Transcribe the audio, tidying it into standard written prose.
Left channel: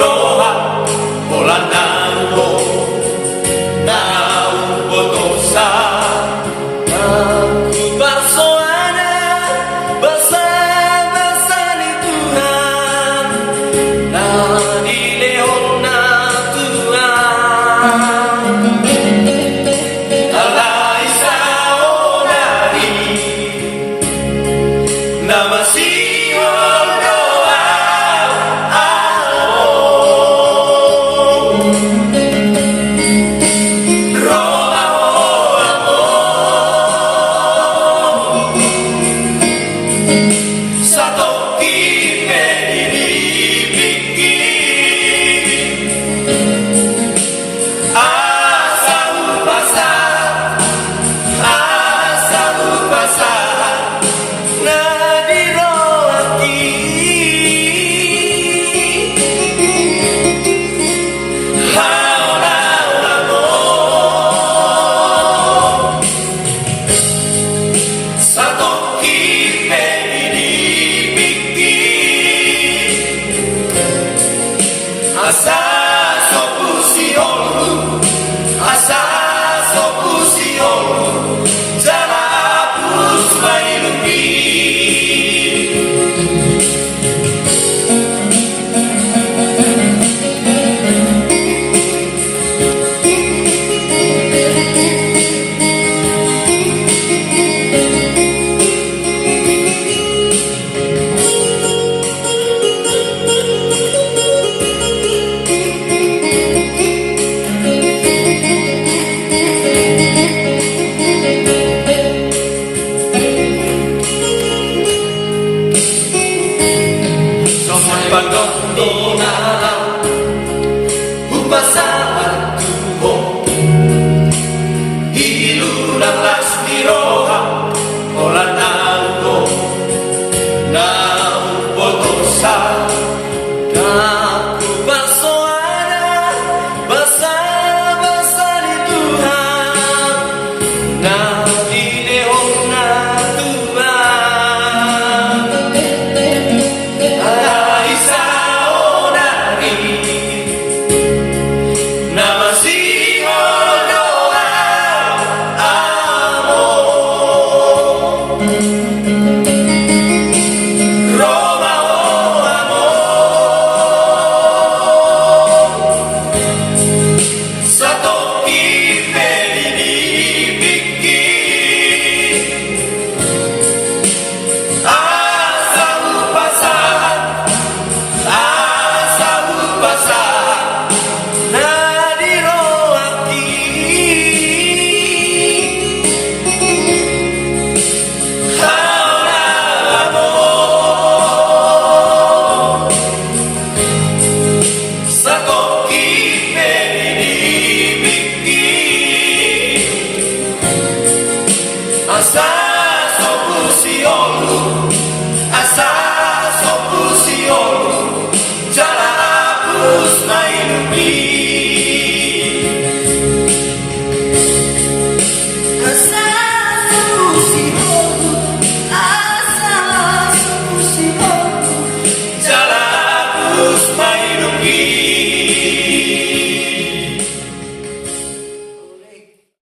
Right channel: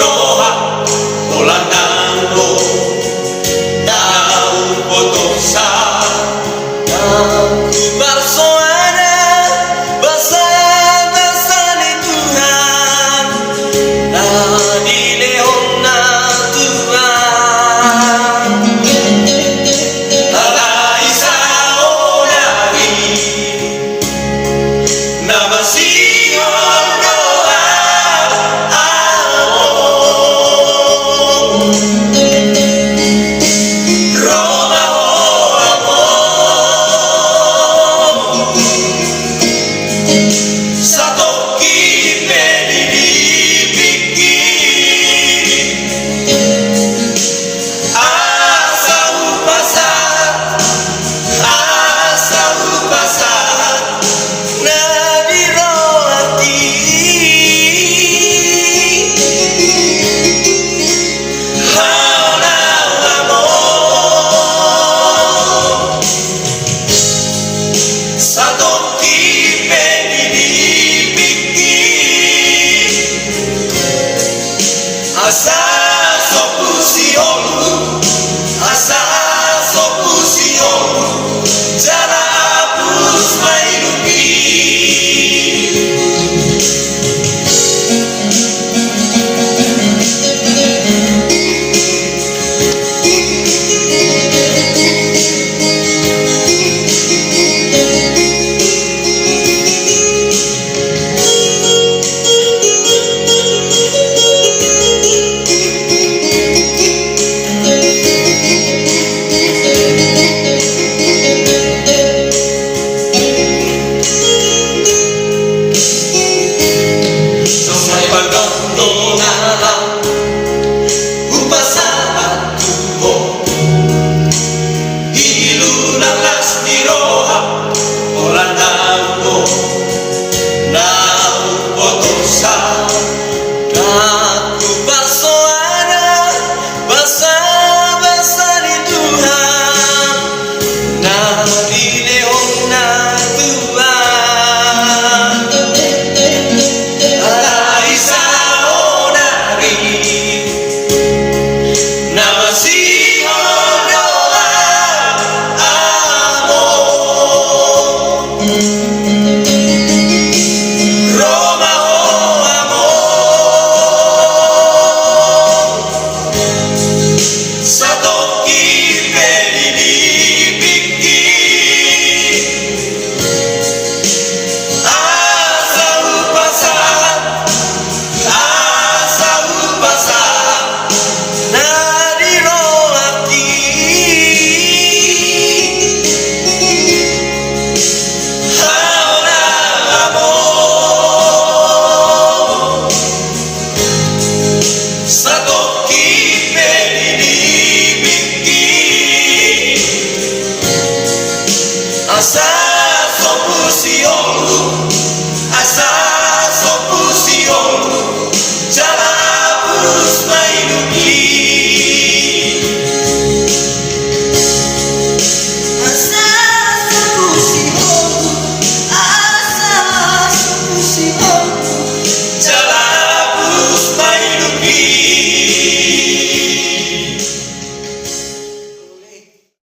diroha Polanando na upotosa Aku bersoana bersama Tuhan na dileon na Tuhan Ada isao nari na masihol doa Roma o amor sa toki penilipiki asa upasa na diroati Hana amor sa toki penilipiki asa sopusion jala hapus mailungi Pagdondonan upasa at tumo Hilunang las diroha Polanando na upotosa Aku bersoana bersama Tuhan na dileon na Tuhan Ada isao nari na masihol doa amor Roma o amor sa toki penilipiki asa upasa na diroati Hana amor sa toki penilipiki asa sopusion